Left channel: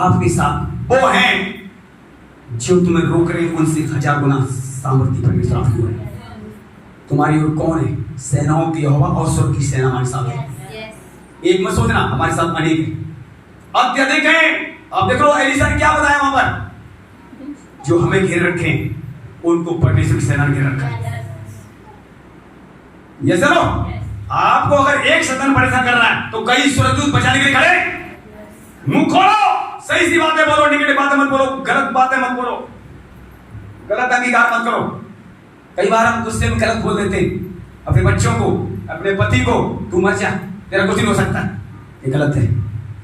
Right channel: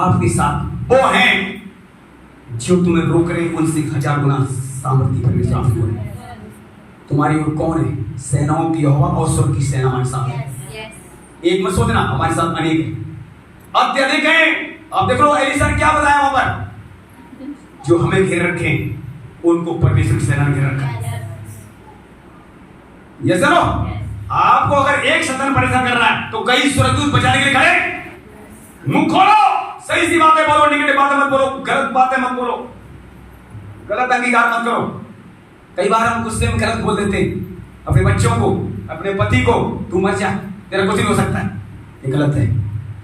आपके साथ वो हैं जो तुम्हें रोक रहे हैं, उनसे 1000 गुना सामर्थ्य परमेश्वर आपको है। तुम्हारी ओर कौन है? सेनाओं की यहोवा और स्वर्ग की सेना हमारे साथ है। एक मत सोचना हमारे साथ अनेक है, अत्यधिक है। अब देख लो एलिशा ने क्या बताया वहां पर, जो हमें घेर रखे हैं उनको परमेश्वर की सेना ने घेर रखा है। ये चलो आपको अगर एक शैतान परेशान कर रहा है तो कई स्वर्गदूत बचाने के लिए खड़े। मुंह खोलो, सही सी बातें बोलो, निगेटिव बातें मत बोलो, गलत बातें मत बोलो, गलत अंगीकार मत करो। कई बार हम गुस्से में गलत बोल देते हैं अपने बच्चों को, अपने पति को, तू मर जा, तेरा कुछ नहीं हो सकता। ये गलत है,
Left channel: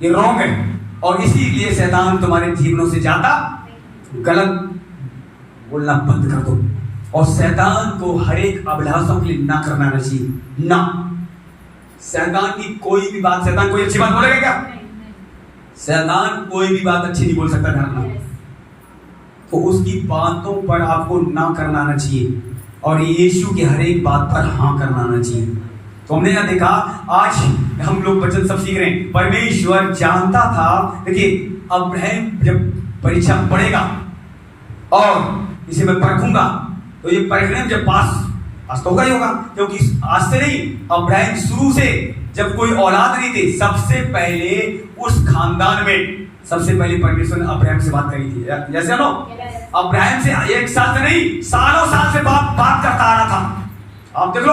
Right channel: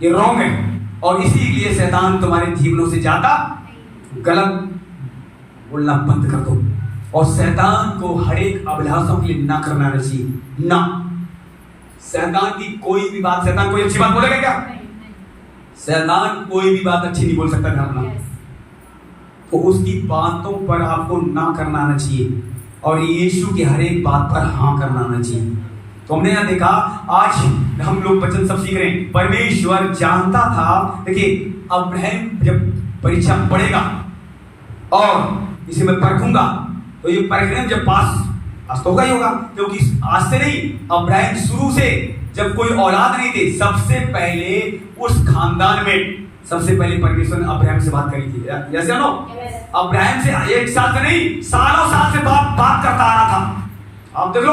ये रॉन्ग है। और इसीलिए शैतान तुम्हारे जीवनों से जाता, गलत बोलना बंद कर दो। और शैतान को हर एक अभिलाषों के लिए ना करना चाहिए ना। शैतान की कोई भी बात, शैतान कोई अच्छी बात बोलेगा क्या? शैतान कोई भी बात अच्छी नहीं बोल सकता, ध्यान रखना। तो उसकी बातों पर आपको ना करना आना चाहिए और यीशु की हर एक बात पर हाँ करना आना चाहिए। तो हमने यहाँ देखा, आज हम लोग वचन सब सीख रहे हैं। परमेश्वर जानता था, देखिए अब्राहम जब परीक्षा पढ़ेगा और इसे मैं परखूंगा, तो ये परखने जब पास तो होगा ही होगा, क्योंकि आज से नहीं, अब्राहम शुरू से जब कोई औलाद नहीं थी, सबसे पहले उस खानदान में सबसे पहले परमेश्वर ने अब्राहम से बात करी थी। जैसे नो अब्राहम से 1 साल से नहीं, सालों साल से बात करता आ रहा था। आप देख लो,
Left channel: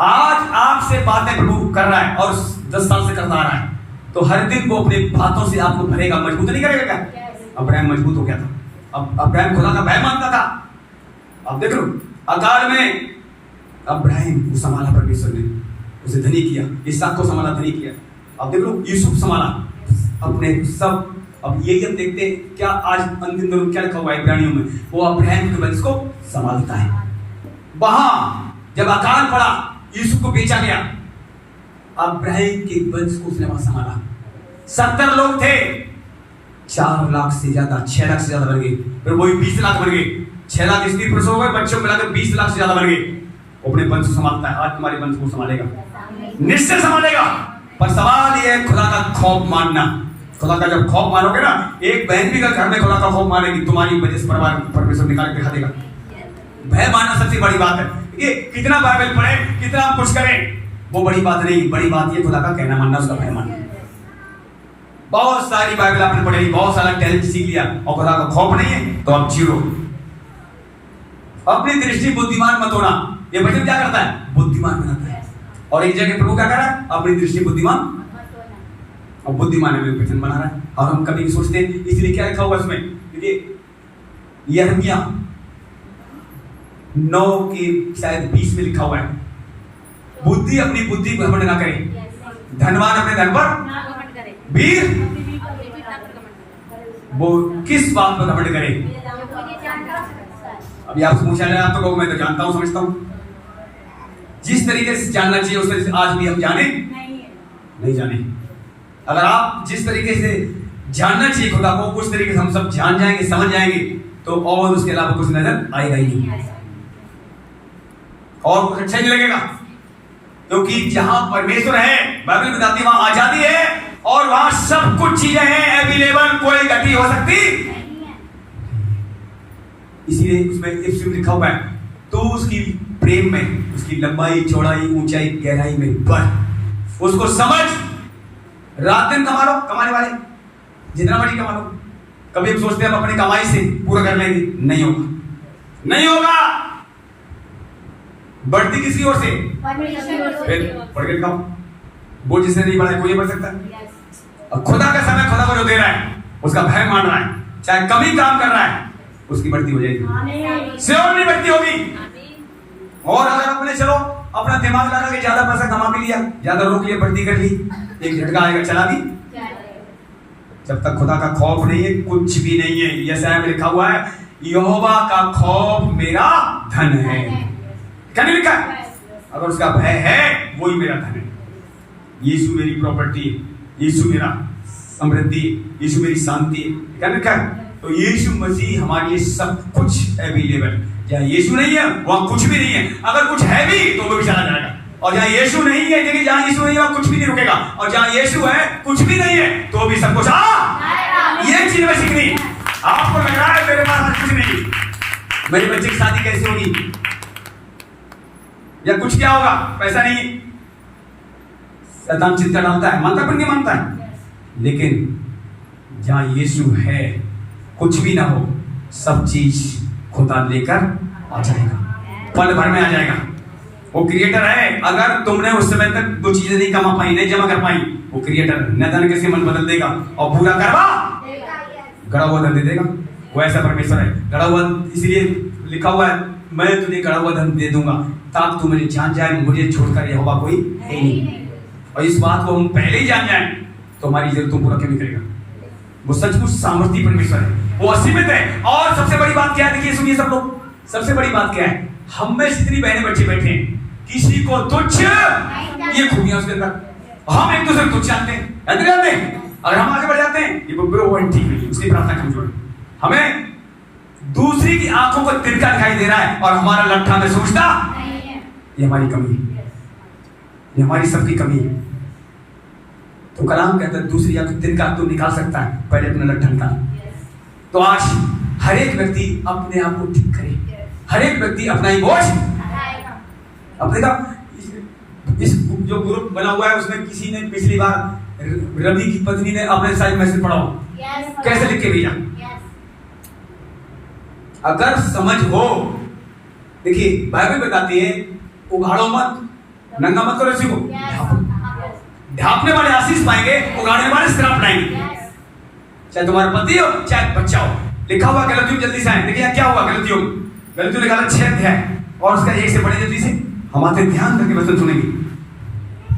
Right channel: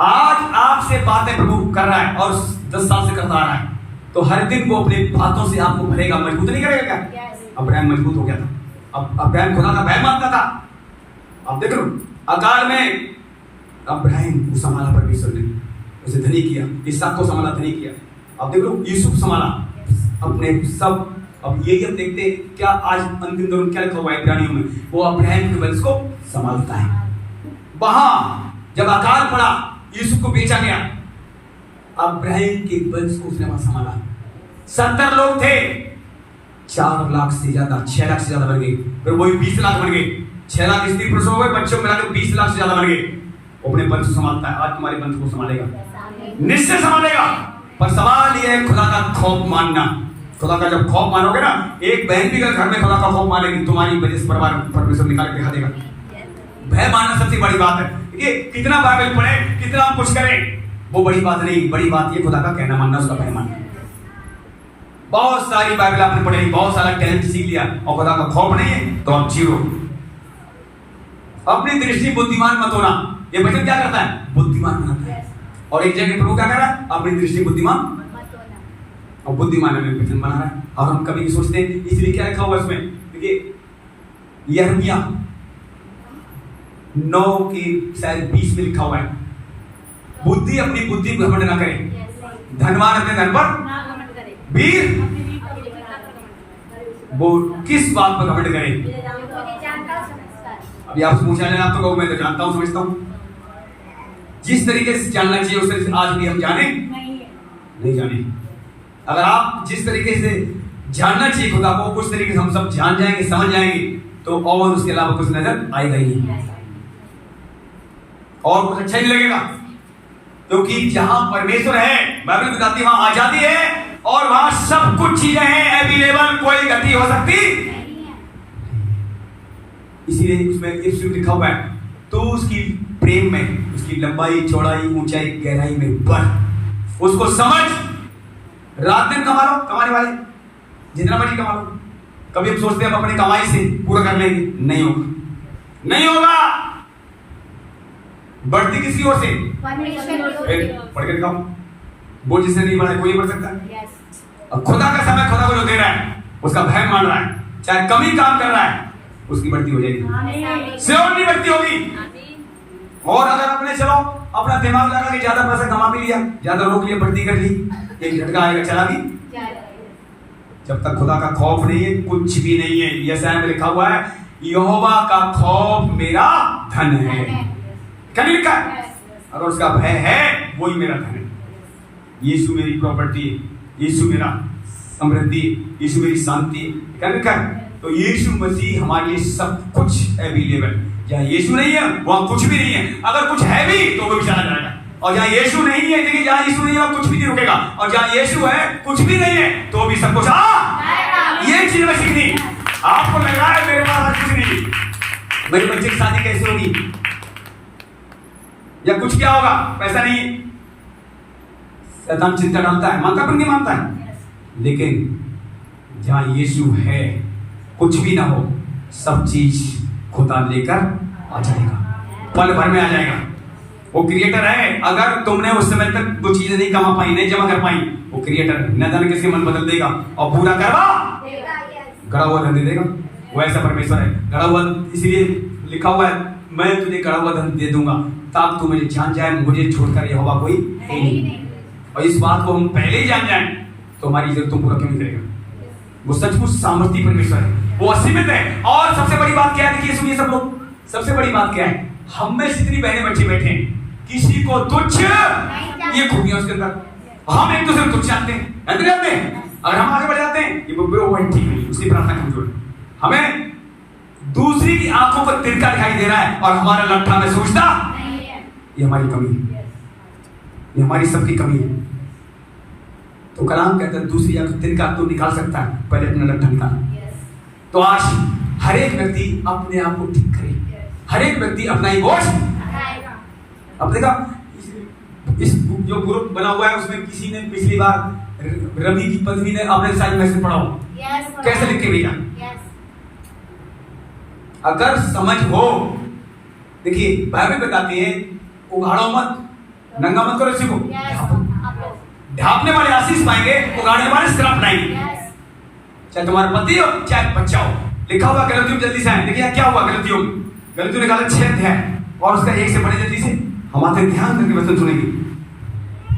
आज आपसे बातें प्रभु कर रहा है और 10 साल से करता आ रहा है, तो हर दिन वो अपने बातों से आपको भरेगा, मजबूत नहीं करेगा क्या? अब्राहम मजबूत हो गया था। अब अब्राहम खुदा का भय मानता था। अब देख लो, अकाल में अब्राहम को संभाला परमेश्वर ने, उसे धनी किया, इसहाक को संभाला, धनी किया। अब देख लो, यूसुफ संभाला अपने सब। अब यही हम देखते हैं क्या आज अंतिम दिनों में क्या लिखा हुआ है इब्रानियों में, वो अब्राहम के वंश को संभालता है। वहां जब अकाल पड़ा, यूसुफ को बेचा गया, अब्राहम के वंश को उसने वहां संभाला। 70 लोग थे, 4 लाख से ज्यादा, 6 लाख से ज्यादा बन गए, फिर वही 20 लाख बन गए, 6 लाख स्त्री पुरुष हो गए, बच्चों मिलाकर 20 लाख से ज्यादा बन गए। अपने वंश को संभालता है। आज तुम्हारे वंश को संभालेगा, निश्चय संभालेगा। पर सवाल यह है खुदा का खौफ मानना। खुदा का जब खौफ मानोगे ना, एक बहन भी घर में खुदा का खौफ मानेगी, तुम्हारी वजह से परिवार परमेश्वर निकाल के दिखा देगा। भय मानना सबसे बड़ी बात है। ये कितना बाइबल पढ़े, कितना कुछ करें, वो बड़ी बात नहीं, बड़ी बात ये खुदा का कहना मानना, उसका भय मानना। बहुत सारी बाइबल आपने पढ़ेगी, बहुत सारा टैलेंट सीख लिया और खुदा का खौफ नहीं है, तो आप जीरो। अपनी दृष्टि बुद्धिमान मत होना, ये वचन क्या करता है? बुद्धिमान बनाता है। और एक जगह प्रभु क्या कर रहा है? अपनी दृष्टि बुद्धिमान और बुद्धिमान में वचन बना रहा है। और हम कभी नहीं सोचते, इसलिए क्या लिखा हुआ इसमें? देखिए यिर्मयाह 9 की शायद 20 में लिखा हुआ है, बुद्धि अपनी बुद्धि को घमंड ना करे, धनवान अपने धन पर, वीर वो किस बात पर घमंड करे? अभी आपसे पूछा जाए, आप तो कहो मैं तो जानता हूं, समझता हूं। जिस तरीके से जानना चाहिए उस तरीके से आज भी हम जाने नहीं जाने। अगर आप जिस तरीके से जानना चाहिए खुदा को, उस तरीके से हम सब जान जाएंगे, समझ जाएंगे, तो और उसके अलावा कुछ नजर आएगा ही नहीं, और कुछ अच्छा नहीं लगेगा। क्योंकि जहां परमेश्वर है, बाइबल बताती है वहां आजादी है और वहां सब कुछ चीजें हैं अवेलेबल, कोई गति हो सकती। इसीलिए उसमें एक लिखा हुआ है, तो उसकी प्रेम में, उसकी लंबाई, चौड़ाई, ऊंचाई, गहराई में बढ़, उसको समझ। रात दिन कमा लो, कमाने वाले जितना मर्जी कमा लो। कभी हम सोचते हैं हम अपनी कमाई से पूरा कर लेंगे, नहीं होगा, नहीं होगा। बढ़ती किसकी ओर से? पढ़ के दिखाओ, वो जिसने नहीं बढ़ा कोई बढ़ सकता है। अब खुदा का समय खुदा को जो दे रहा है, उसका भय मान रहा है, चाहे कम ही काम कर रहा है, उसकी बढ़ती हो जाएगी, सिर्फ नहीं बढ़ती होगी। और अगर अपने चलो अपना दिमाग लगा के ज्यादा पैसा कमा भी लिया, ज्यादा रोक लिया, बढ़ती कर ली, एक झटका आएगा, चला दी। जब तक खुदा का खौफ नहीं है, कुछ भी नहीं है। यशायाह में लिखा हुआ है, यहोवा का खौफ मेरा धन है। क्या नहीं लिखा है? अगर उसका भय है, वही मेरा धन है। यीशु मेरी प्रॉपर्टी है, यीशु मेरा समृद्धि, यीशु मेरी शांति है। क्या लिखा है? तो यीशु मसीह हमारे लिए सब कुछ अवेलेबल। जहाँ यीशु नहीं है वहां कुछ भी नहीं है, अगर कुछ है भी तो वो भी चला जाएगा। और जहाँ यीशु नहीं है, देखिए जहाँ यीशु नहीं है वहां कुछ भी नहीं रुकेगा, और जहाँ यीशु है कुछ भी नहीं है तो भी सब कुछ ये चीज मैं सीखनी। आपको लग रहा है मेरे पास कुछ नहीं, मेरे बच्चे की शादी कैसे होगी या कुछ क्या होगा, पैसा नहीं। शैतान चिंता डालता है, मानता पर नहीं मानता है, लेकिन जहां यीशु है कुछ भी ना हो, सब चीज खुदा लेकर आ जाएगा, पल भर में आ जाएगा। वो क्रिएटर है। अगर तुमने उस समय तक वो चीजें नहीं कमा पाई, नहीं जमा कर पाई, वो क्रिएटर न जाने कैसे मन बदल देगा और पूरा करवा गड़ा हुआ धन दे देगा। वो ऐसा परमेश्वर है। गड़ा हुआ इसलिए लिखा हुआ है, मैं तुझे गड़ा हुआ धन दे दूंगा ताकि तू मुझे जान जाए, मुझे छोड़कर यहोवा कोई है नहीं। और इस बात को हम पहले ही जान जाए तो हमारी जरूरतों पूरा क्यों नहीं करेगा। वो सचमुच सामर्थ्य परमेश्वर है, वो असीमित है। और सबसे बड़ी बात क्या है, देखिए सुनिए सब लोग, सबसे बड़ी बात क्या है, हम में जितनी बहने बच्चे बैठे हैं, किसी को तुच्छ ये खूबियां उसके अंदर, हम एक दूसरे को तुच्छ जानते हैं। अगर हम आगे बढ़ जाते हैं, ये वो ठीक नहीं, उसकी प्रार्थना कमजोर है। हमें दूसरी की आंखों पर तिनका दिखाई दे रहा है और हमारा लट्ठा में सोचता, ये हमारी कमी है, ये हमारी सबकी कमी है। तो कलाम कहता है दूसरी आंख तिनका तो निकाल सकता है, पहले अपना लट्ठा निकाल। तो आज हर एक व्यक्ति अपने आप को ठीक करे, हर एक व्यक्ति अपना ही बोझ। अब देखा इस जो ग्रुप बना हुआ है उसमें किसी ने पिछली बार रवि की पत्नी ने अपने साइड मैसेज पढ़ा हो, कैसे लिख के भेजा। अगर समझ हो, देखिए बाइबल बताती है उघाड़ो मत, नंगा मत करो किसी को, ढांपने वाले आशीष पाएंगे, उगाड़ने वाले श्राप पाएंगे। चाहे तुम्हारा पति हो चाहे बच्चा हो। लिखा हुआ गलतियों जल्दी से आए। देखिए क्या हुआ गलतियों निकाला 6 अध्याय और उसका 1 से पढ़े जल्दी से, हमारे ध्यान करके वचन सुनेंगे।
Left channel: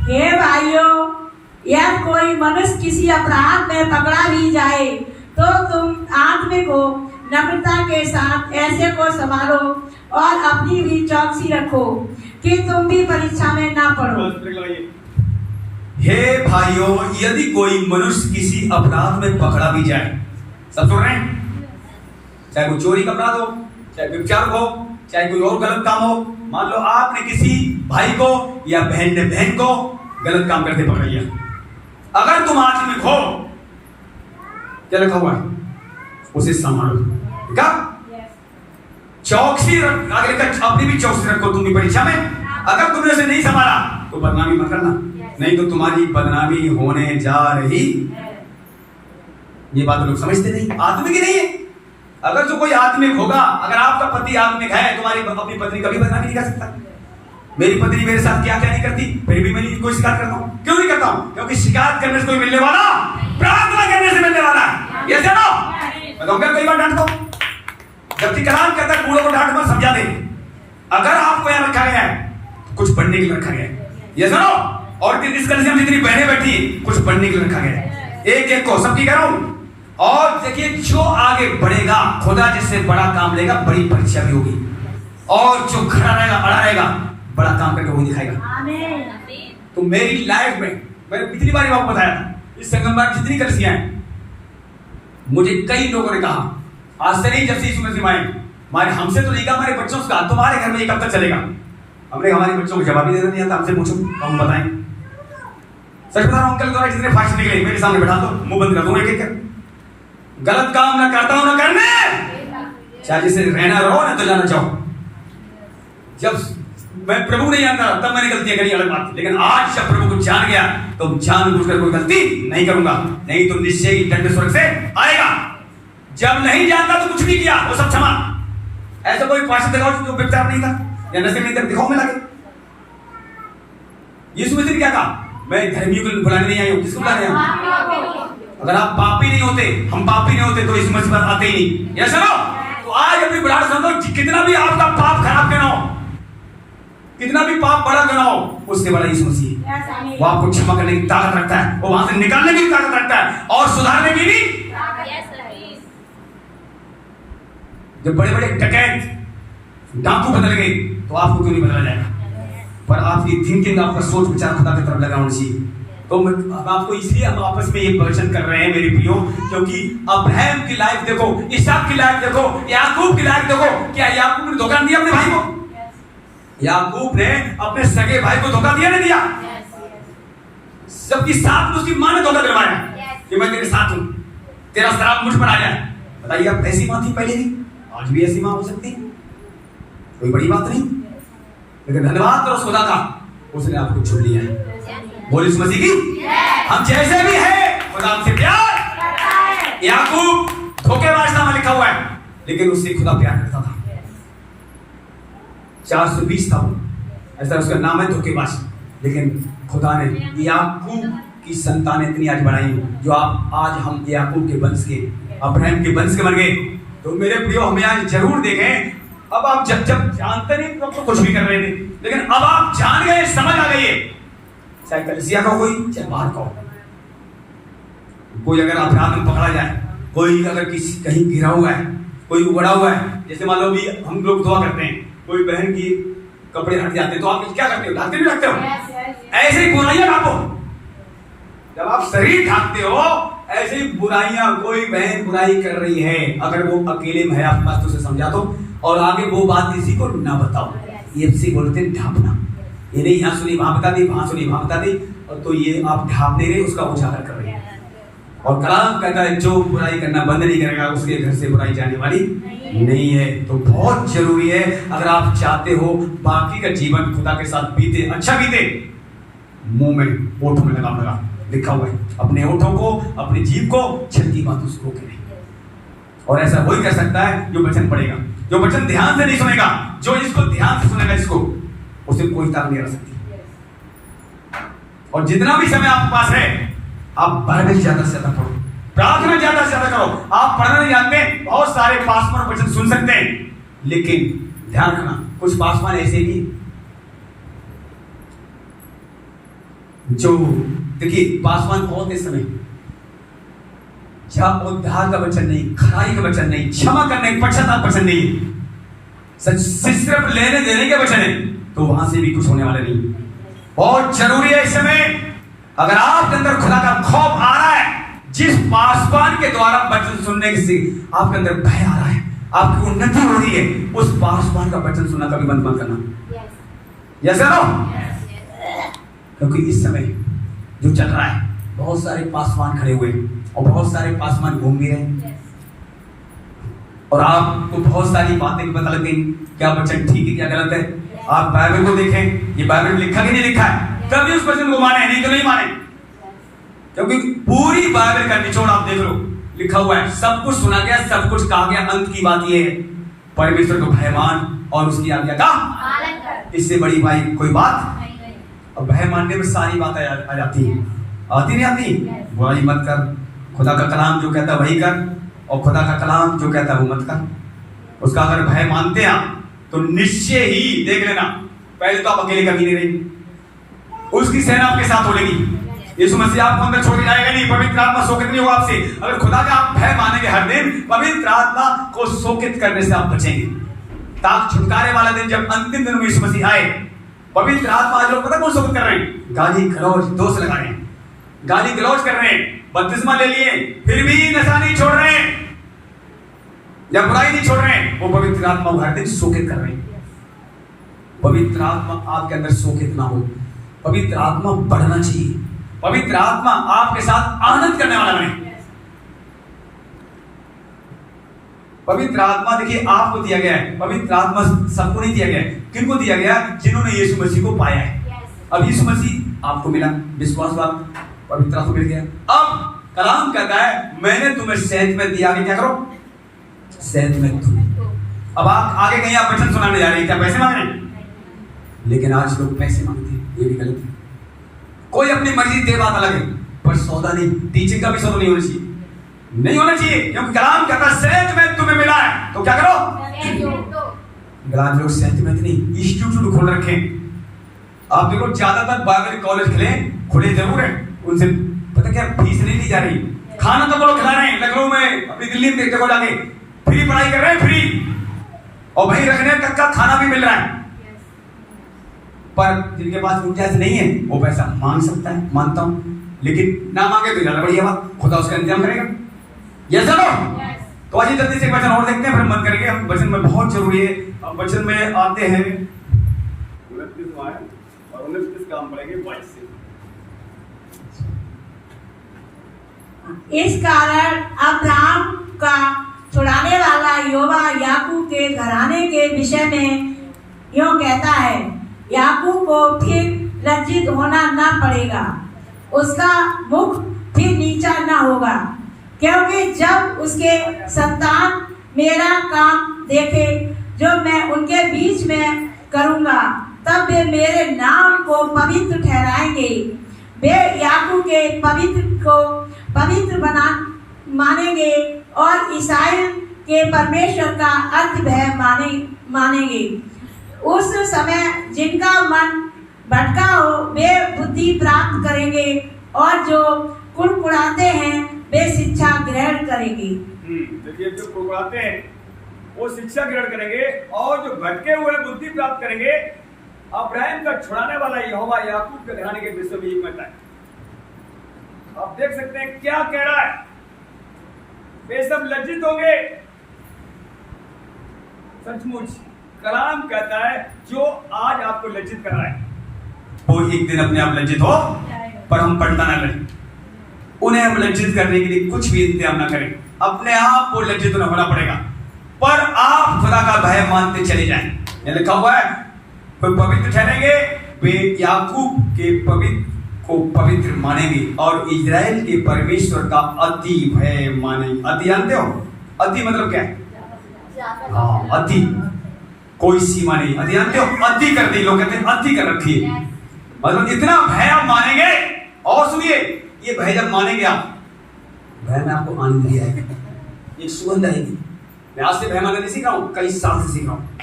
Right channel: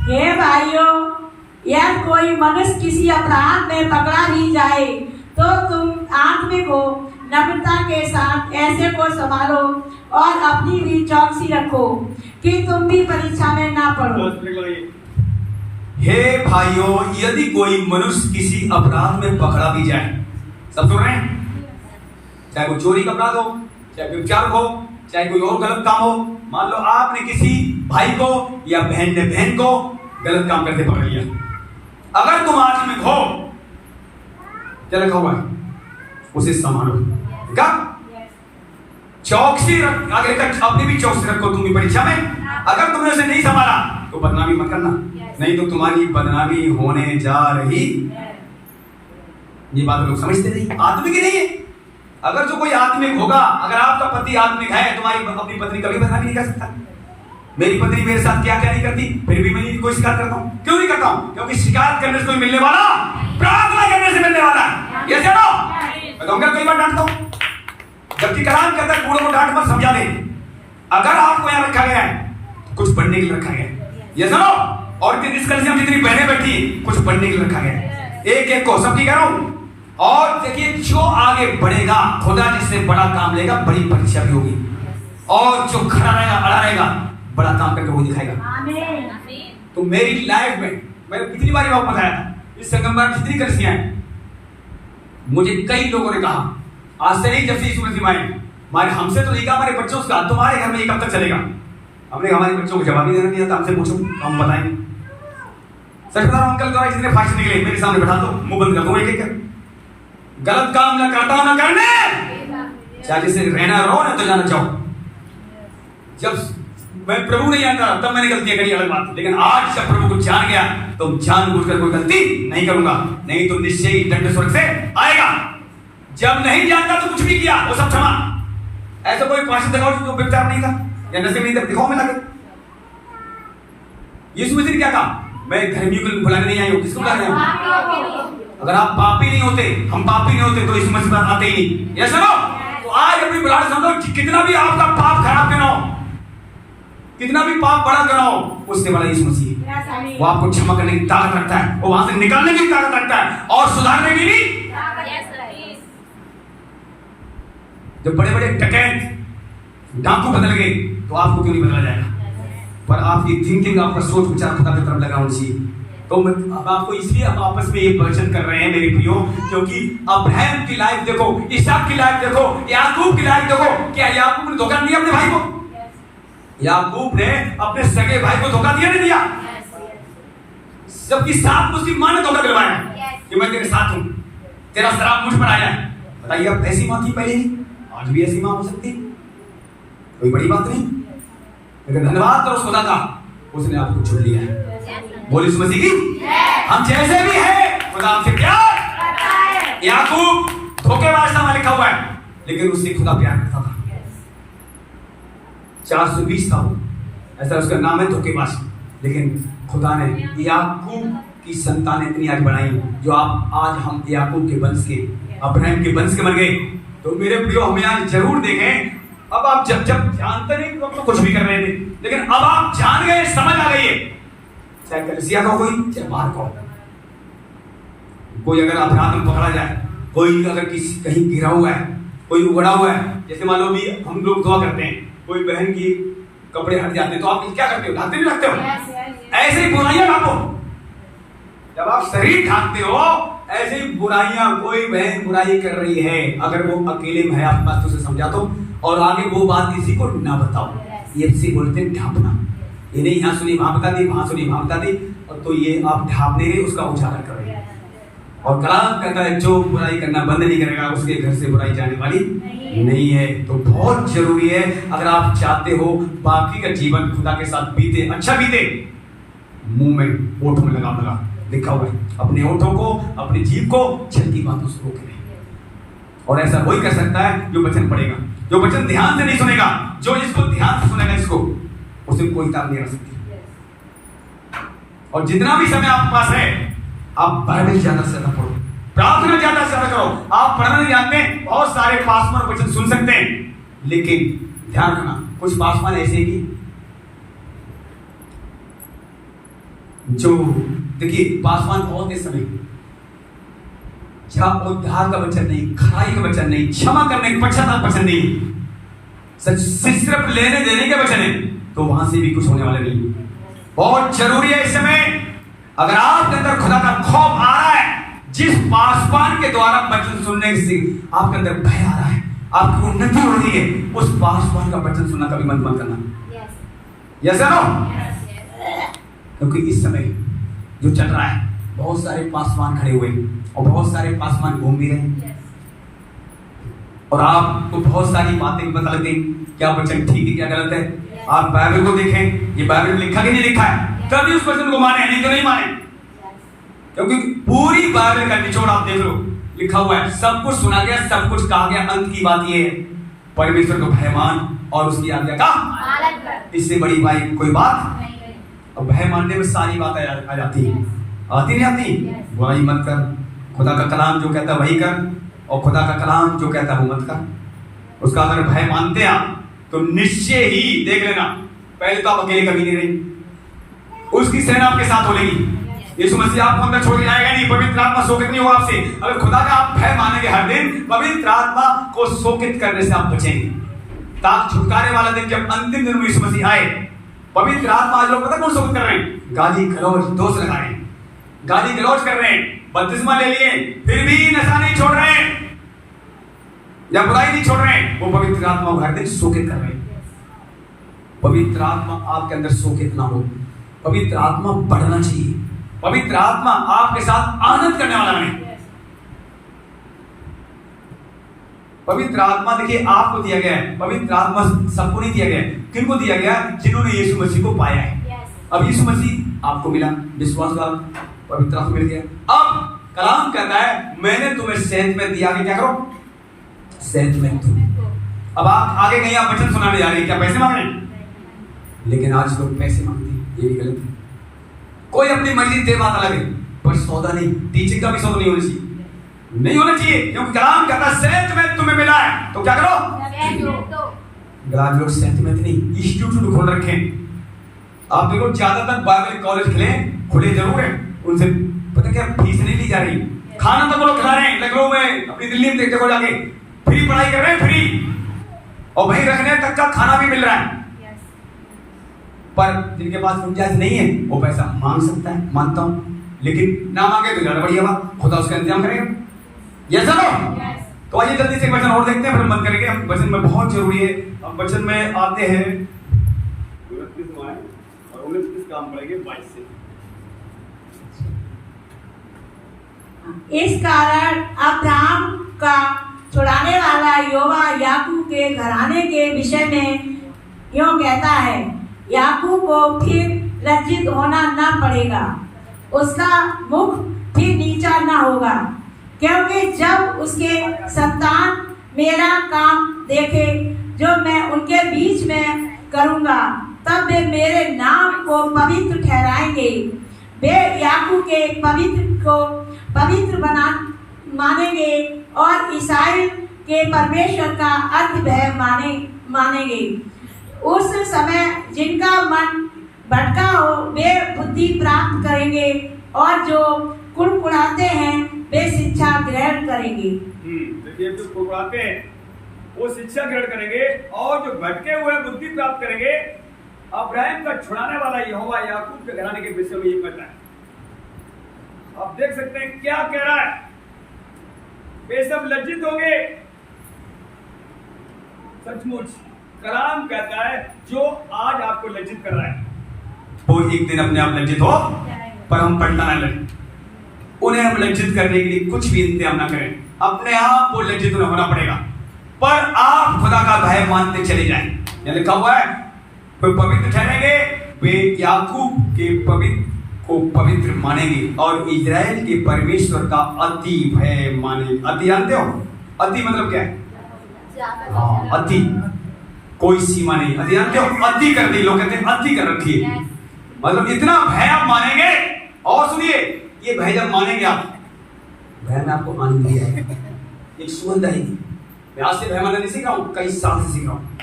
हे भाइयों, यदि कोई मनुष्य किसी अपराध में पकड़ा भी जाए तो तुम आत्मिक हो, नम्रता के साथ ऐसे को संभालो और अपनी भी चौकसी रखो कि तुम भी परीक्षा में ना पड़ो। हे भाइयों, यदि कोई मनुष्य किसी अपराध में पकड़ा भी जाए, सब सुन रहे हैं, चाहे वो चोरी का अपराध हो, चाहे व्यभिचार हो, चाहे कोई और गलत काम हो। मान लो आपने किसी भाई को या बहन ने बहन को गलत काम करते पकड़ लिया, अगर तुम आत्मिक हो, क्या लिखा हुआ है, उसे संभालो। क्या चौकसी रख, आगे अपनी भी चौकसी रखो तुम भी परीक्षा में। अगर तुमने उसे नहीं संभाला तो बदनामी मत करना, नहीं तो तुम्हारी बदनामी होने जा रही। ये बात लोग समझते नहीं, आत्मिक ही नहीं है। अगर जो कोई आत्मिक होगा, अगर आपका पति आत्मिक है, तुम्हारी अपनी पत्नी कभी बदनामी नहीं कर सकता। मेरी पत्नी मेरे साथ क्या क्या नहीं करती, फिर भी मैं कोई शिकायत करता हूँ। क्यों नहीं करता हूँ? क्योंकि शिकायत करने से कोई मिलने वाला, प्रार्थना करने से मिलने वाला है। ये जानो, मैं तो कई बार डांटता हूँ, जबकि कलाम कहता है कूड़ों को डांट मत, समझा दे। अगर आपको यहाँ रखा गया है, कुछ पढ़ने के लिए रखा गया है, ये जानो। और इस कल से हम जितनी बहनें बैठी, कुछ पढ़ने के लिए रखा गया है, एक एक को सबकी कह रहा हूँ। और देखिए जो आगे बढ़ेगा, खुदा जिससे बड़ा काम लेगा, बड़ी परीक्षा भी होगी। और जो खड़ा रहेगा, अड़ा रहेगा, बड़ा काम करके वो दिखाएगा। तो मेरी लाइफ में मैंने कितनी बार आपको बताया था, इस संगम में जितनी कलिसियां हैं, मुझे कई लोगों ने कहा, आज से नहीं, जब से यीशु मसीह आए, हमारे हमसे तो नहीं कहा, हमारे बच्चों से कहा, तुम्हारे घर में ये कब तक चलेगा। हमने हमारे बच्चों को जवाब नहीं देना, हमसे पूछो हम बताएं। सच बता रहा हूं, अंकल द्वारा जितने फास्ट निकले मेरे सामने बैठा दो, मुंह बंद कर दो, एक एक गलत काम ना करता हूं ना करने, चाहे जिसे रहना रहो ना तो जाना चाहो। जब मैं प्रभु नहीं जानता तब मैंने गलतियां करी, अलग बात, लेकिन आज जब प्रभु को जान गया तो जानबूझकर कोई गलती नहीं करूंगा, नहीं तो निश्चय ही दंड स्वर्ग से आएगा। जब नहीं जानता तो कुछ भी किया, वो सब क्षमा। ऐसा कोई पार्षद दिखाओ जो व्यभिचार नहीं था या नशे नहीं था, दिखाओ में लगे। यीशु मसीह ने क्या कहा, मैं धर्मियों को बुलाने नहीं आई हूं, किसको बुलाने आया? अगर आप पापी नहीं होते, हम पापी नहीं होते, तो यीशु मसीह पर आते ही नहीं। ये सुनो, तो आज अपनी बुढ़ाड़ समझो, कितना भी आपका पाप खराब क्यों ना हो, कितना भी पाप बड़ा क्यों ना हो, उससे बड़ा यीशु मसीह। वो आपको क्षमा करने की ताकत रखता है, वो वहां से निकालने की ताकत रखता है और सुधारने की भी। जब बड़े बड़े डकैत डाकू बदल गए तो आपको क्यों नहीं बदला जाएगा? पर आपकी थिंकिंग, आपका सोच विचार खुदा की तरफ लगा होना चाहिए। तो अब आपको इसलिए हम आपस में ये प्रवचन कर रहे हैं मेरे प्रियो, क्योंकि अब्राहम की लाइफ देखो, इसहाक की लाइफ देखो, याकूब की लाइफ देखो। क्या याकूब ने धोखा दिया अपने भाई को? याकूब ने अपने सगे भाई को धोखा दिया नहीं दिया? जबकि साथ में उसकी मां ने धोखा दिलवाया कि मैं तेरे साथ हूं, तेरा श्राप मुझ पर आ जाए। बताइए, अब ऐसी माँ थी पहले भी, आज भी ऐसी माँ हो सकती है, कोई बड़ी बात नहीं। लेकिन धन्यवाद करो खुदा का, उसने आपको चुन लिया है। बोल यीशु मसीह की। हम जैसे भी हैं, खुदा हमसे प्यार करता है। याकूब धोखेबाज नामा लिखा हुआ है, लेकिन उससे खुदा प्यार करता था। 420 था वो, ऐसा उसका नाम है धोखेबाज। लेकिन खुदा ने याकूब की संतान इतनी आज बढ़ाई, जो आप आज हम याकूब के वंश के, अब्राहम के वंश के बन गए। तो मेरे प्रियो, हमें आज जरूर देखें। अब आप जब जानते नहीं तो कुछ भी कर रहे थे, लेकिन अब आप जान गए, समझ आ गई है। चाहे कलीसिया का कोई, चाहे बाहर का, कोई अगर अपराध में पकड़ा जाए, कोई अगर किसी कहीं गिरा हुआ है, कोई उगड़ा हुआ है, जैसे मान लो भी हम लोग दुआ करते हैं, कोई बहन की कपड़े हट जाते हैं तो आप क्या करते हो? ढकते नहीं ढकते हो? ऐसे ही बुराइयां ढाको। जब आप शरीर ढाकते हो, ऐसे ही बुराइयां, कोई बहन बुराई कर रही है, अगर वो अकेले में है आपके पास तो उसे समझा दो, और आगे वो बात किसी को ना बताओ। ये से बोलते हैं ढापना। ये नहीं यहाँ सुनी वहां बता दी, वहां सुनी वहां बता दी, और तो ये आप ढापने गए, उसका उजागर कर रहे हैं। और कलाम कहता है जो बुराई करना बंद नहीं करेगा, उसके घर से बुराई जाने वाली नहीं है। तो बहुत जरूरी है, अगर आप चाहते हो बाकी का जीवन खुदा के साथ बीते, अच्छा बीते, मुंह में ओठों में लगाम लगा, लिखा हुआ है, अपने ओठों को, अपनी जीभ को छल की बातों से रोके। और ऐसा वही कर सकता है जो वचन पढ़ेगा, जो वचन ध्यान से नहीं सुनेगा, जो इसको ध्यान से सुनेगा, इसको उसे कोई ताक नहीं आ सकती। और जितना भी समय आपके पास है, आप बाइबल ज्यादा से ज्यादा पढ़ो, प्रार्थना ज्यादा से ज्यादा करो। आप पढ़ना नहीं जानते, बहुत सारे पासवान वचन सुन सकते हैं, लेकिन ध्यान रखना, कुछ पासवान ऐसे भी जो, देखिए पासवान कौन थे समय, जहां उद्धार का वचन नहीं, खराई का वचन नहीं, क्षमा करने का पश्चाताप वचन नहीं, सिर्फ लेने देने के वचन है, तो वहां से भी कुछ होने वाला नहीं। बहुत जरूरी है इस समय, अगर आपके अंदर खुदा का खौफ आ रहा है, जिस पासवान के द्वारा वचन सुनने से आपके अंदर भय आ रहा है, आपकी उन्नति हो रही है, उस पासवान का वचन सुनना कभी बंद मत करना। Yes no? क्योंकि इस समय जो चल रहा है, बहुत सारे पासवान खड़े हुए और बहुत सारे पासवान घूम भी रहे, और आपको बहुत सारी बातें पता लग गई, क्या वचन ठीक है क्या गलत है। आप बाइबल को देखें, ये बाइबल में लिखा कि नहीं लिखा है, तभी उस वचन को माने, नहीं तो नहीं माने। क्योंकि पूरी बाइबल का निचोड़ आप देख लो, लिखा हुआ है, सब कुछ सुना गया, सब कुछ कहा गया। अंत की बात ये है, परमेश्वर को भय मान और उसकी आज्ञा का पालन कर। इससे बड़ी भाई कोई बात। अब भय मानने में सारी बात आ जाती है, आती नहीं आती? बुराई मत कर, खुदा का कलाम जो कहता है वही कर, और खुदा का कलाम जो कहता है वो मत कर। उसका अगर भय मानते हैं आप, तो निश्चय ही देख लेना, पहले तो आप अकेले कभी नहीं रहेंगे, उसकी सेना आपके साथ होगी। यीशु मसीह आपको अंदर छोड़ जाएगा नहीं, पवित्र आत्मा शोकित नहीं होगा आपसे। अगर खुदा का आप भय मानेंगे हर दिन, पवित्र आत्मा को शोकित करने से आप बचेंगे। ताक छुटकारे वाला दिन, जब अंतिम दिन में यीशु मसीह आए, पवित्र आत्मा आज लोग पता कौन शोकित कर रहे हैं? गाली गलौज, दोष लगा रहे हैं, गाली गलौज कर रहे हैं, बपतिस्मा ले लिए, फिर भी नशा नहीं छोड़ रहे हैं या बुराई नहीं छोड़ रहे हैं। वो पवित्र आत्मा हर दिन शोकित कर रहे हैं। पवित्र आत्मा आपके अंदर शोकित ना हो, पवित्र आत्मा बढ़ना चाहिए, पवित्र आत्मा आपके साथ आनंद करने वाला बने। पवित्र आत्मा देखिए आपको दिया गया है, पवित्र आत्मा सबको नहीं दिया गया है। किनको दिया गया? जिन्होंने यीशु मसीह को पाया है। अब यीशु मसीह आपको मिला, विश्वास वाला पवित्र आत्मा मिल गया। अब कलाम कहता है, मैंने तुम्हें सेहत में दिया, क्या करो? सेहत में तुम। अब आप आगे कहीं आप वचन सुनाने जा रहे हैं, क्या पैसे मांग रहे हैं? लेकिन आज लोग पैसे मांगते हैं, ये भी गलत है। कोई अपनी मर्जी दे, बात अलग है, पर सौदा नहीं, टीचिंग का भी सौदा नहीं होना चाहिए, नहीं होना चाहिए। क्योंकि कलाम कहता है सेहत में तुम्हें मिला है, तो क्या करो? गलाम लोग सेहत में नहीं, इंस्टीट्यूट खोल रखे हैं। आप देखो ज्यादातर बाइबल कॉलेज खुले जरूर है, उनसे पता क्या फीस नहीं ली जा रही, खाना तो वो लोग खिला रहे हैं। लखनऊ में, अपनी दिल्ली में देखो जाके, फ्री पढ़ाई कर रहे हैं, फ्री, और वहीं रखने तक का खाना भी मिल रहा है। पर जिनके पास गुंजाइश नहीं है, वो पैसा मांग सकता है, मानता हूं, लेकिन ना मांगे तो ज्यादा बढ़िया बात, खुदा उसका इंतजाम करेगा। Yes sir? तो आइए जल्दी से वचन और देखते हैं, फिर मन करेंगे। हम वचन में बहुत जरूरी है, हम वचन में आते हैं 29 में और 29 काम पड़ेंगे 22 से। इस कारण अब्राहम का छुड़ाने वाला यहोवा याकूब के घराने के विषय में यूं कहता है, याकूब को फिर लज्जित होना न पड़ेगा, उसका मुख फिर नीचा न होगा, क्योंकि जब उसके संतान मेरा काम देखे जो मैं उनके बीच में करूंगा, तब वे मेरे नाम को पवित्र ठहराएंगे। वे याकूब के पवित्र को पवित्र मानेंगे और इस्राएल के परमेश्वर का अर्थ भय मानेंगे। उस समय जिनका मन भटका हो वे बुद्धि प्राप्त करेंगे, और जो कुड़कुड़ाते हैं वे शिक्षा ग्रहण करेंगे। देखिए, जो कुड़कुड़ाते हैं वो शिक्षा ग्रहण करेंगे, और जो भटके हुए बुद्धि प्राप्त करेंगे। अब्राहम का छुड़ाने वाला यहोवा याकूब के घराने के विषय में ये कहता है। आप देख सकते हैं क्या कह रहा है, वे सब लज्जित होंगे। सचमुच कलाम कहता है जो आज आपको लज्जित कर रहा है वो एक दिन अपने आप लज्जित हो, पर हम पलटा ना लगे। उन्हें हम लज्जित करने के लिए कुछ भी इंतजाम ना करें, अपने आप को लज्जित होना पड़ेगा। पर आप खुदा का भय मानते चले जाएं। ये लिखा हुआ है, वे पवित्र ठहरेंगे, वे याकूब के पवित्र को पवित्र मानेंगे और इजराइल के परमेश्वर का अति भय मानेंगे। अति जानते हो? अति मतलब क्या है? हाँ, अति कोई सीमा नहीं। अति जानते हो? अति कर दी, लोग कहते हैं अति कर रखी है, मतलब इतना भय आप मानेंगे। और सुनिए, ये भय जब मानेंगे आप, भय में आपको आनंद दिया है, एक सुगंध आएगी। मैं आज से भय मानना नहीं सीखा हूँ, कई साल से सीखा हूँ,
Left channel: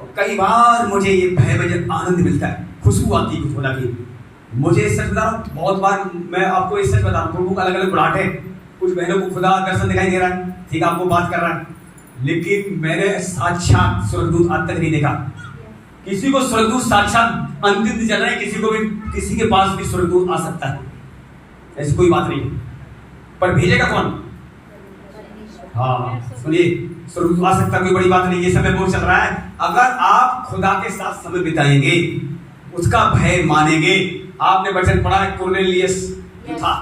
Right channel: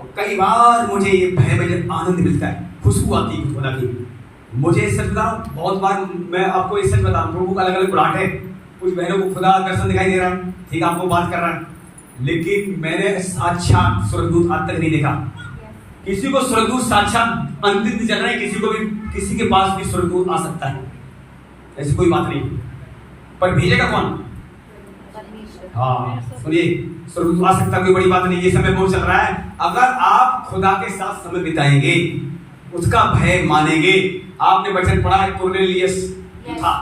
और कई बार मुझे ये भय में जब आनंद मिलता है, खुशबू आती है खुदा की। मुझे सच बता रहा हूँ, बहुत बार मैं आपको ये सच बता रहा हूँ, लोगों का अलग अलग बुलाहट है। कुछ बहनों को खुदा दर्शन दिखाई दे रहा है, ठीक है, आपको बात कर रहा है, लेकिन मैंने साक्षात स्वर्गदूत आज तक नहीं देखा। किसी को स्वर्गदूत साक्षात अंतिम चल रहा है, किसी को भी, किसी के पास भी स्वर्गदूत आ सकता है, ऐसी कोई बात नहीं। पर भेजेगा कौन? हाँ सुनिए, स्वर्गदूत आ सकता है, कोई बड़ी बात नहीं। ये समय बहुत चल रहा है, अगर आप खुदा के साथ समय बिताएंगे, उसका भय मानेंगे। आपने वचन पढ़ा है, कुरनेलियस था,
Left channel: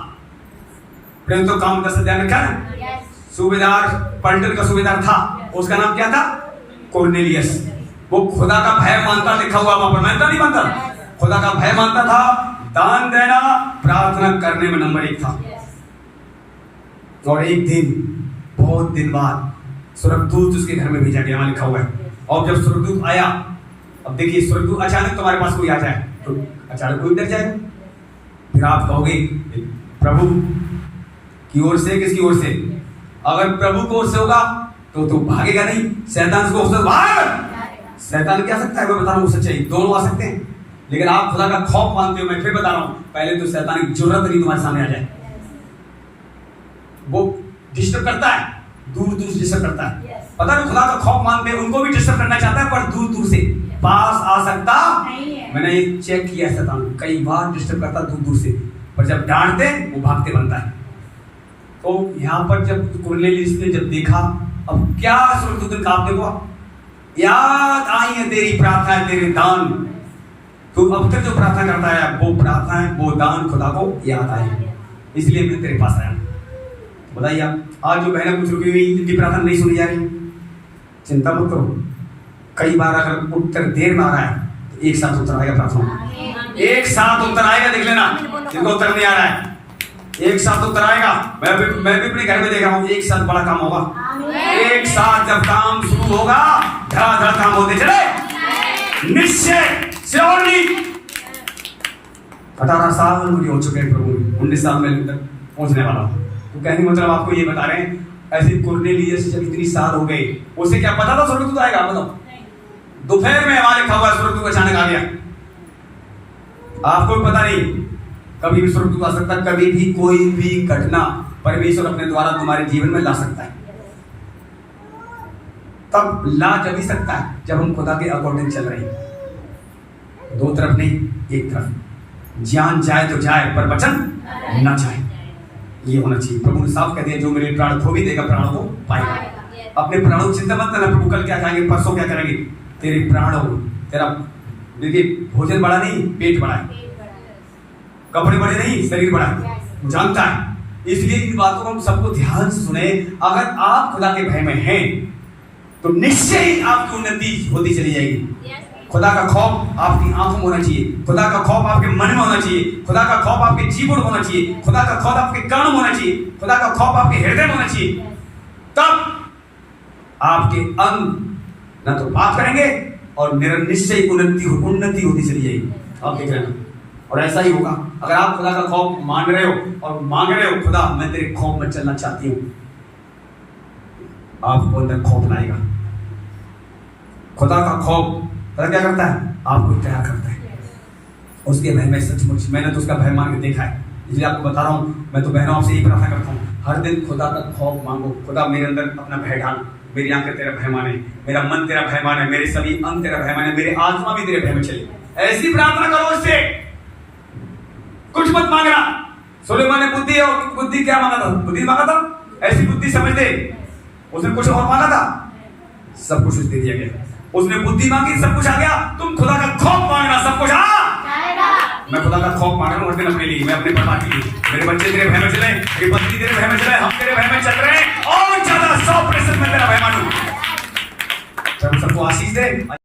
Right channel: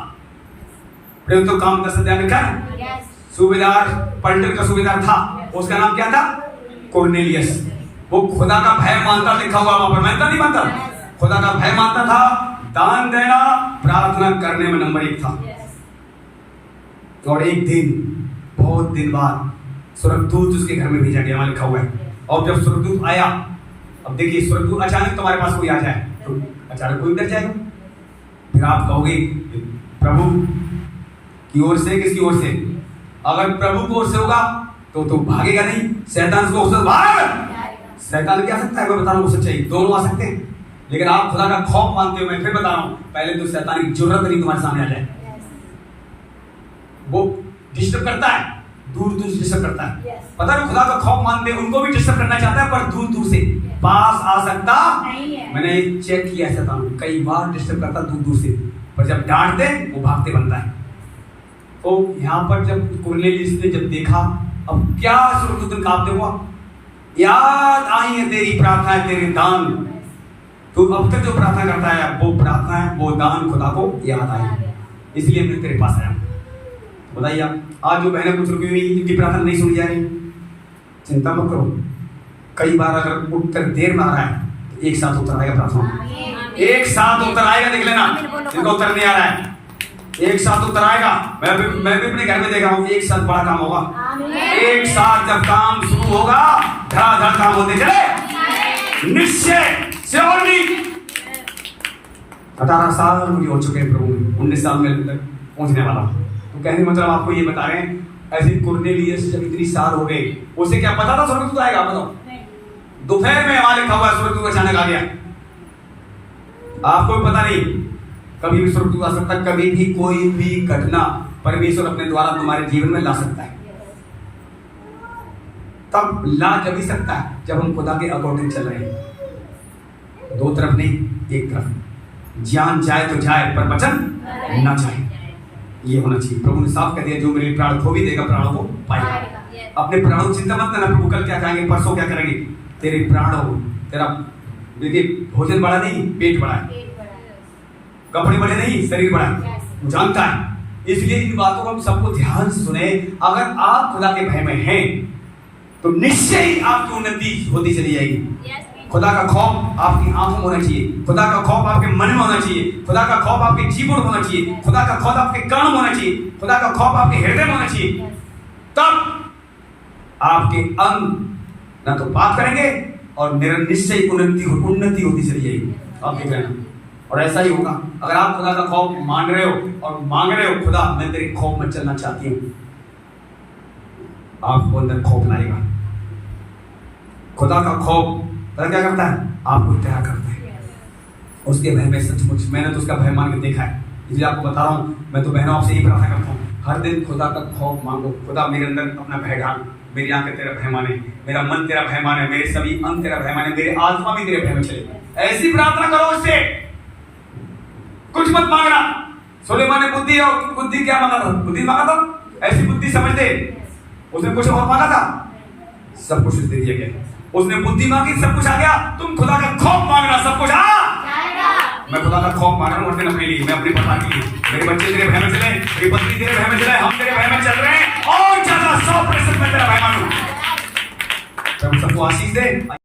प्रेम तो काम का सद्या में कर सूबेदार, पलटन का सूबेदार था, उसका नाम क्या था? कुरनेलियस। वो खुदा का भय मानता, लिखा हुआ वहां पर, मानता नहीं मानता, खुदा का भय मानता था, दान देना, प्रार्थना करने में नंबर 1 था। और एक दिन, बहुत दिन बाद स्वर्गदूत उसके घर में भेजा गया, वहां लिखा हुआ है। और जब स्वर्गदूत आया, अब देखिए, स्वर्गदूत अचानक तुम्हारे पास कोई आ जाए तो अचानक कोई डर जाएगा। फिर आप कहोगे प्रभु की ओर से, किसकी ओर से? अगर प्रभु की ओर से होगा तो भागेगा नहीं, शैतान को उससे भाग। शैतान क्या सकता है? मैं बता रहा हूँ, सच्चाई दोनों आ सकते हैं, लेकिन आप खुदा का खौफ मानते हो। मैं फिर बता रहा हूँ, पहले तो शैतान की जरूरत नहीं तुम्हारे सामने आ जाए। वो डिस्टर्ब करता है, दूर दूर से डिस्टर्ब करता है। पता नहीं, खुदा का खौफ मानते हैं, उनको भी डिस्टर्ब करना चाहता है, पर दूर दूर से, पास आ सकता नहीं है। मैंने चेक किया, शैतान कई बार डिस्टर्ब करता दूर दूर से, पर जब डांट दे वो भागते बनता है। तो यहाँ पर जब कुरनेलियस ने जब देखा, अब क्या स्वर्गदूत का, आप देखो, याद आई है तेरी प्रार्थना, तेरे दान। तो अब तक जो प्रार्थना करता है, वो प्रार्थना है, वो दान खुदा को याद आए, इसलिए मैं तेरे पास आया। बताइए, आज जो बहनें कुछ रुकी हुई, जिनकी प्रार्थना नहीं सुनी जा रही, चिंता मत करो। कई बार अगर उत्तर देर में आ रहा है तो एक साथ उत्तर आएगा, प्रार्थना एक साथ उत्तर आएगा। देख लेना, जिनको उत्तर नहीं आ रहा है, एक साथ उत्तर आएगा। मैं भी अपने घर में देखा हूँ, एक साथ बड़ा काम होगा। एक साथ जब काम शुरू होगा, धड़ाधड़ काम होते चले, निश्चय से। और नहीं, 18 साल मुझे हो चुके हैं प्रभु, 19 साल में पहुंचने वाला हूँ। तो कहने मतलब आपको ये बता रहे हैं, ऐसे कुरनेलियस जब इतनी साल हो गए, उसे क्या पता था स्वर्गदूत आएगा? बताओ, दोपहर में वहां लिखा हुआ स्वर्गदूत अचानक आ गया। आपको पता नहीं, कभी भी स्वर्गदूत आ सकता है, कभी भी कोई भी घटना परमेश्वर अपने द्वारा तुम्हारे जीवन में ला सकता है। तब ला जब ही सकता है जब हम खुदा के अकॉर्डिंग चल रहे हैं, दो तरफ नहीं, एक तरफ। जान जाए तो जाए, पर वचन ना जाए, ये होना चाहिए। प्रभु ने साफ कह दिया, जो मेरे प्राण खो भी देगा, प्राणों को पाएगा। अपने प्राणों की चिंता मत करना, प्रभु कल क्या खाएंगे, परसों क्या करेंगे। तेरे प्राणों, तेरा देखिए, भोजन बड़ा नहीं, पेट बड़ा है, कपड़े बड़े नहीं, शरीर बड़ा है, जानता है। इसलिए इन बातों को हम सबको ध्यान से सुने। अगर आप खुदा के भय में हैं तो निश्चय ही आपकी उन्नति होती चली जाएगी। खुदा का खौफ आपकी आंखों में होना चाहिए, खुदा का खौफ आपके मन में होना चाहिए, खुदा का खौफ आपके जीवन में होना चाहिए, खुदा का खौफ आपके कान में होना चाहिए, खुदा का खौफ आपके हृदय में होना चाहिए। तब आपके अंग ना तो पाप करेंगे और निश्चय उन्नति होती चली जाएगी। आप देख रहे हैं, और ऐसा ही होगा। अगर आप खुदा का खौफ मान रहे हो और मांग रहे हो, खुदा मैं तेरे खौफ में चलना चाहती हूँ, आपको अंदर खौफ लाएगा। खुदा का खौफ क्या करता है? आपको तैयार करता है उसके भय में। सचमुच मैंने तो उसका भय मान के देखा है, इसलिए आपको बता रहा हूँ। मैं तो बहनों आपसे यही प्रार्थना करता हूँ, हर दिन खुदा का खौफ मांगो। खुदा मेरे अंदर अपना भय डाल, मेरी आंखें तेरा भय माने, मेरा मन तेरा भय माने, मेरे सभी अंग तेरा भय माने, मेरे आत्मा भी तेरे भय में चले। ऐसी प्रार्थना करो उससे, कुछ मत मांगना। सुलेमान ने बुद्धि क्या मांगा था? बुद्धि मांगा था, ऐसी बुद्धि समझ दे। उसने कुछ और मांगा था, सब कुछ दे दिया गया। उसने बुद्धि मांगी, सब कुछ आ गया। तुम खुदा का खौफ मांगना, सब कुछ आ जाएगा। मैं खुदा का खौफ मांग रहा हूँ अपने लिए, मैं अपने परिवार के लिए। मेरे बच्चे तेरे भय में चले, मेरी पत्नी तेरे भय में चले, हम तेरे भय में चल रहे हैं। और ज्यादा 100% मैं तेरा भय मानूं। सबको आशीष दे।